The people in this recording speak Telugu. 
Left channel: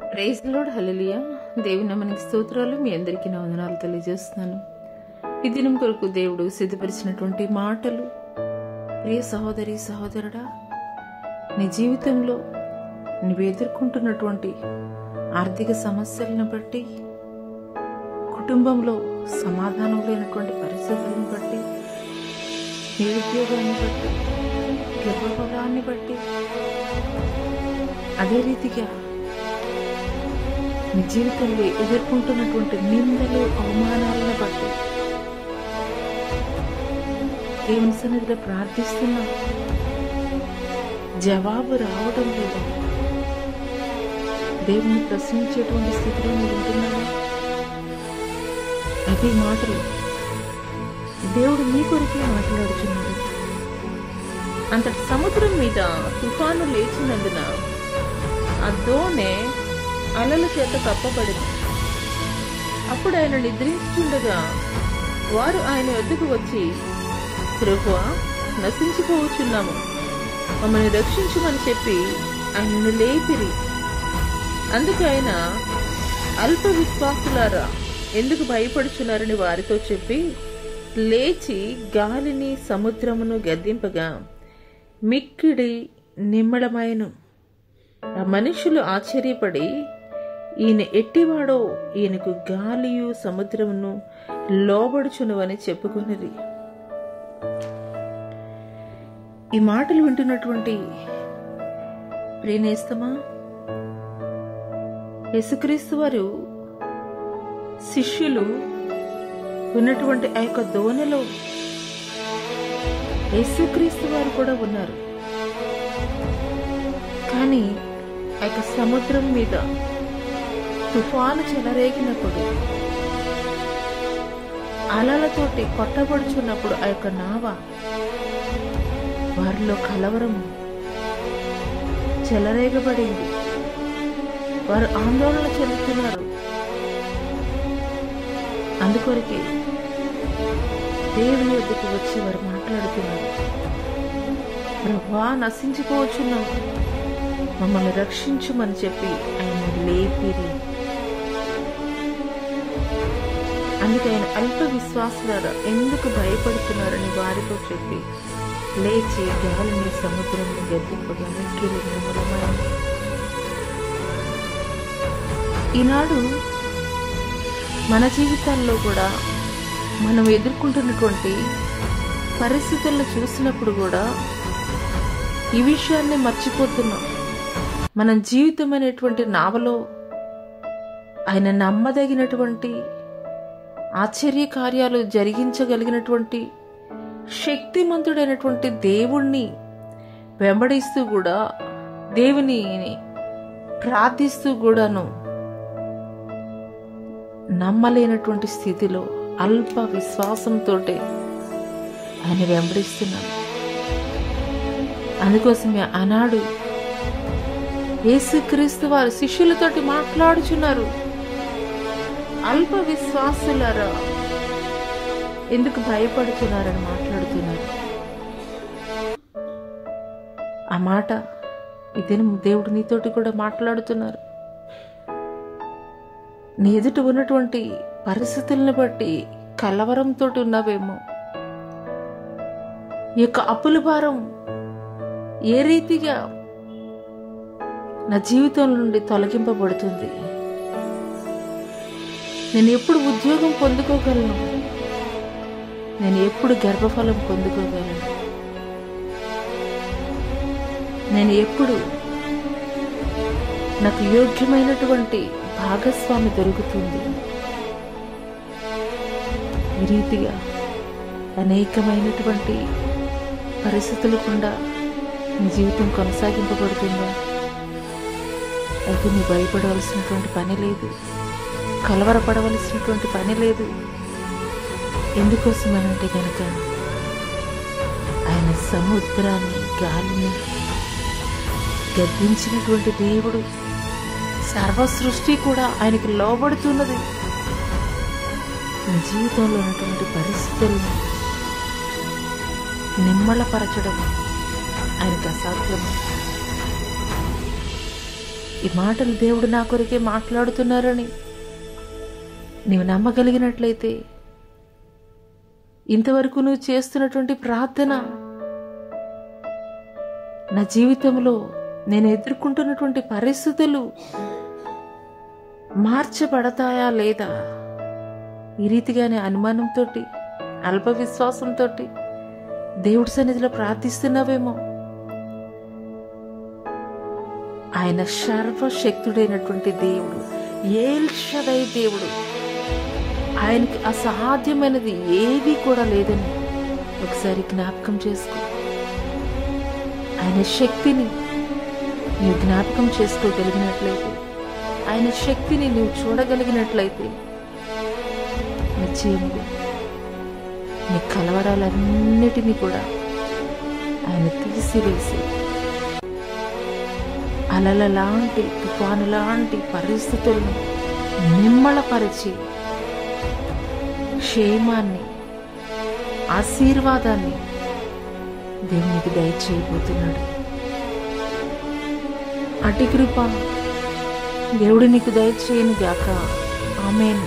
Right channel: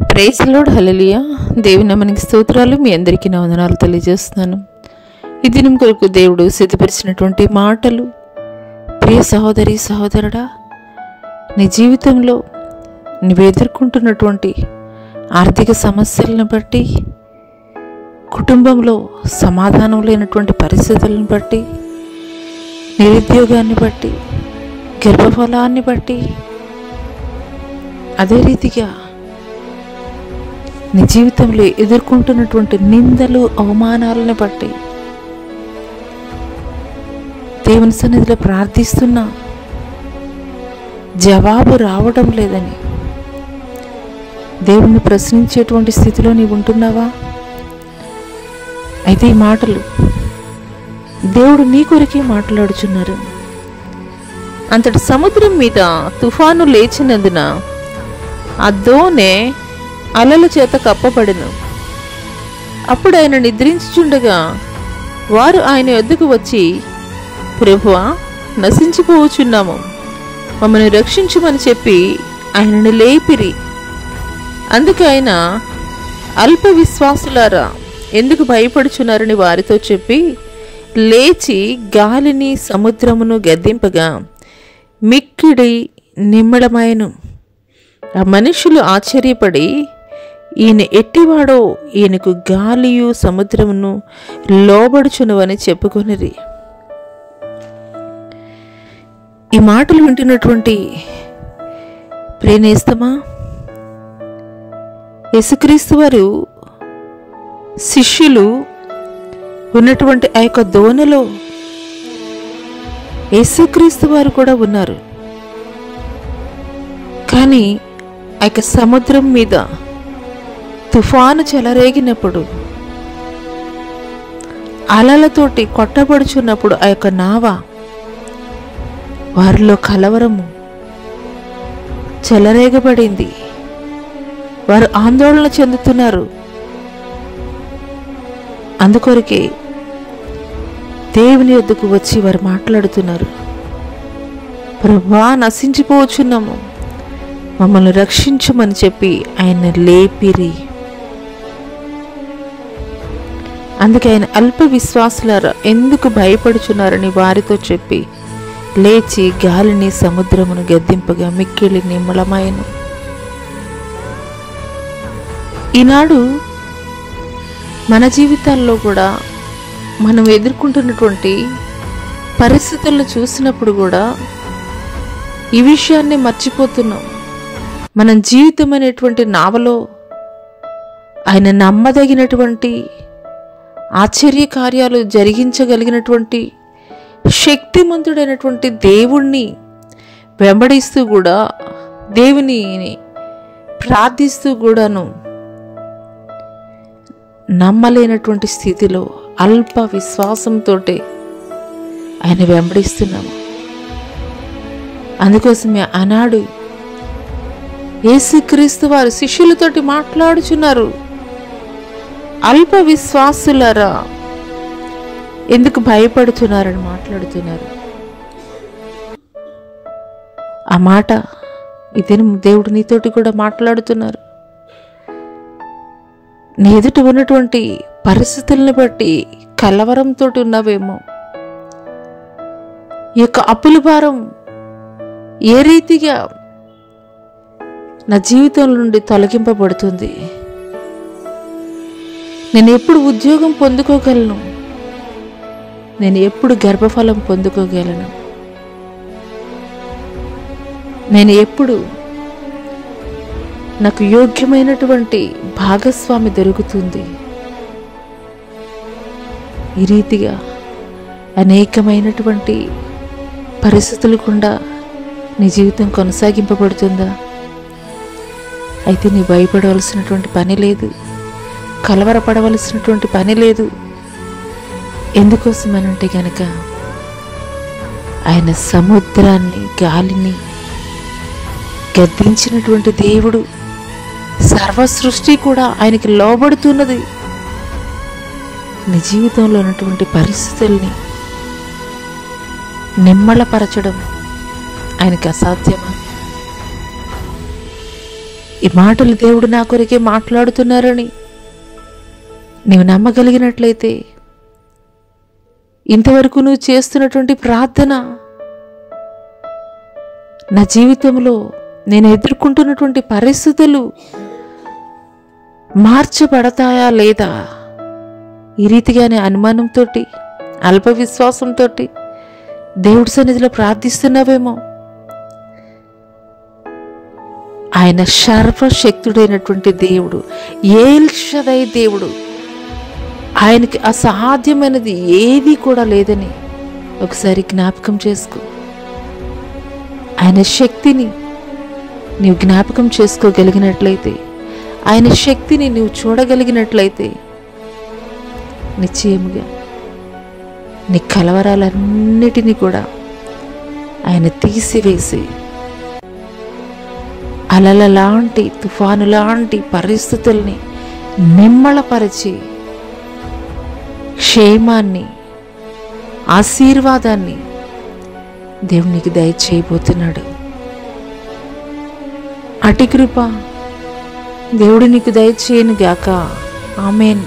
ప్రైజ్ లార్డ్, హల్లెలూయా. దేవుని నామానికి స్తోత్రాలు. మీ అందరికీ నా వందనాలు తెలియజేస్తున్నాను. ఈ దినం కొరకు దేవుడు సిద్ధపరిచినటువంటి మాటలు. ప్రియ సహోదరి సహోదరుడా, నీ జీవితంలో నువ్వు ఎదుర్కొంటున్నటువంటి ఆర్థిక సమస్యలను బట్టి, కుటుంబంలో సమాధానం లేనటువంటి పరిస్థితులను బట్టి, నిరుద్యోగాన్ని బట్టి, గర్భఫలాన్ని బట్టి, అదే రీతిగా నీ జీవితంలో ఎదుర్కొంటున్నటువంటి నిందలు, అవమానాలను బట్టి దేవుని సన్నిధిలో ప్రార్థిస్తున్నా జవాబు రావడం లేదని దేవుణ్ణి ప్రశ్నించేటువంటి స్థితిలో నీవు ఉంటున్నావా? అయితే ఈ మాటలు దేవుడు నీ కొరకే మాట్లాడుచున్నారు. అంతటి సముద్రం మీద తుఫాను లేచినందున ఆ దోణె అలల చేత కప్పబడెను. అప్పుడు ఆయన నిద్రించుచుండగా వారు ఆయన వద్దకు వచ్చి, ప్రభువా, నశించిపోవచ్చున్నాము, మమ్మల్ని రక్షించుమని చెప్పి ఆయనను లేపిరి. అందుకు ఆయన, అల్ప విశ్వాసులారా, ఎందుకు భయపడుచున్నారని వారితో చెప్పి లేచి గాలిని సముద్రమును గద్దింపగా మిక్కిడి నిమ్మళమాయెను. ఆ మనుషులు ఆశ్చర్యపడి, ఈయన ఎట్టివాడో, ఈయనకు గాలియు సముద్రమును లోబడుచునువని చెప్పుకొనిరి. ఈ మాటలు వింటున్నటువంటి ప్రేనేస్తమా, యేసుక్రీస్తు వారు శిష్యులు ఉన్నటువంటి ఆ యొక్క దోణిలో యేసుక్రీస్తు వారు కూడా ఉన్నారు. కానీ ఆ యొక్క సముద్రం మీద తుఫాను చెలరేగినప్పుడు, అలలతోటి కొట్టబడుచున్నప్పుడు ఆ యొక్క నావ, వారిలో కలవరము చెలరేగబడింది. వారు ఆందోళన చెందుతున్నారు. అందుకొరకే దేవుని వద్దకు వచ్చి వారు మాట్లాడుతున్నారు, ప్రభువా, నశించిపోవచ్చున్నాము, మమ్మల్ని రక్షించమని చెప్పి ఆయన లేపిరి. అందుకే ఆయన అల్ప విశ్వాసులారా, ఎందుకు భయపడుచున్నారని వారితో చెప్పి లేచి గాలిని సముద్రమును గద్దింపగా మిక్కిలి నిమ్మళమాయెను. ఈనాడు మన జీవితాల్లో కూడా మనం ఎదుర్కొంటున్నటువంటి పరిస్థితులను చూసినప్పుడు కూడా ఈ విషయాన్ని మర్చిపోతున్నాం. మనం జీవితం అనేటువంటి నావలో ఆయన నమ్మదగినటువంటి ఆశ్చర్య కార్యాలు జరిగించగలిగినటువంటి శక్తిమంతుడైనటువంటి దేవుణ్ణి వెంబడిస్తూ కూడా, దేవుని ప్రార్థిస్తూ కూడాను నమ్మలేనటువంటి స్థితిలో అల్ప విశ్వాసంతో ఆయన వెంబడిస్తున్నాము. అందుకోసమే ఆనాడు యేసుక్రీస్తు వారు శిష్యులతోటి మాట్లాడుచున్నారు, అల్ప విశ్వాసులారా, ఎందుకు భయపడుతున్నారని మాట్లాడుతున్నారు. ఆ మాట ఇదే దేవుడు నీతోటి కూడా మాట్లాడుతున్నారు. నీ ఎదుట ఉన్నటువంటి పరిస్థితులను బట్టి కలవరంతో ఉన్నావేమో. ఈ యొక్క అప్పుల భారం ఏ రీతిగా నా జీవితం నుండి తొలగింపబడుతుంది, నేను ఎప్పుడు ఉద్యోగం పొందుకోగలను, నేను ఎప్పుడు గర్భఫలం పొందుకోగలను, నేను ఎప్పుడు నాకు యోగ్యమైనటువంటి భాగస్వామి దొరుకుతుంది. ఈ రీతిగా అనేకమైనటువంటి పరిస్థితులు గుండా నీ జీవితం కొనసాగింపబడుతుందా? అయితే నీ భయపడవలసినటువంటి పని లేదు, కలవరపడవలసినటువంటి పని లేదు. ఎందుకోసమనంటే గనక ఆయన సముద్రాన్ని, గాలిని గద్దించినటువంటి దేవుడు. సర్వ సృష్టి కూడా ఆయనకి లోబడుతున్నది. నీ జీవితంలో ఉన్నటువంటి పరిస్థితుల్ని నిమ్మళపరచడం ఆయనకి అసాధ్యమా? ఈ మాటలు దేవుడు నా కొరకే మాట్లాడుతున్నారని నీవు నమ్మగలిగినట్లయితే, ఇంతవరకు నువ్వు చేస్తున్నటువంటి ప్రార్థన, నా జీవితంలో నేను ఎదుర్కొంటున్నటువంటి పరిస్థితులు మార్చబడతాయా లేదా, ఈ రీతిగానే అనుమానంతో, అల్ప విశ్వాసంతో దేవుడి సన్నిధిలో ప్రార్థిస్తున్నావేమో. ఆయన సర్వశక్తుడైనటువంటి దేవుడు, ఎల్ షదై దేవుడు. ఆయనకి అసాధ్యమైనది ఏది కూడా లేదని ఒకసారి జ్ఞాపకం చేసుకో. ఆయన శక్తిని నీవు జ్ఞాపకం చేసుకోగలిగినట్లయితే, ఆయన శక్తిని నీవు చూడగలిగినట్లయితే, నిశ్చయముగా నీ కలవరాలన్నిటినీ కూడా ఆయన తీసివేసి, అలల లాంటి, తుఫాను లాంటి పరిస్థితుల్ని నిమ్మళపరిచి క్షేమాన్ని, ఆశీర్వాదాన్ని దేవునికి దయచేయబోతున్నాడు. అటి కృప దేవుడు నీకు దయచేయను గాక. ఆమేన్.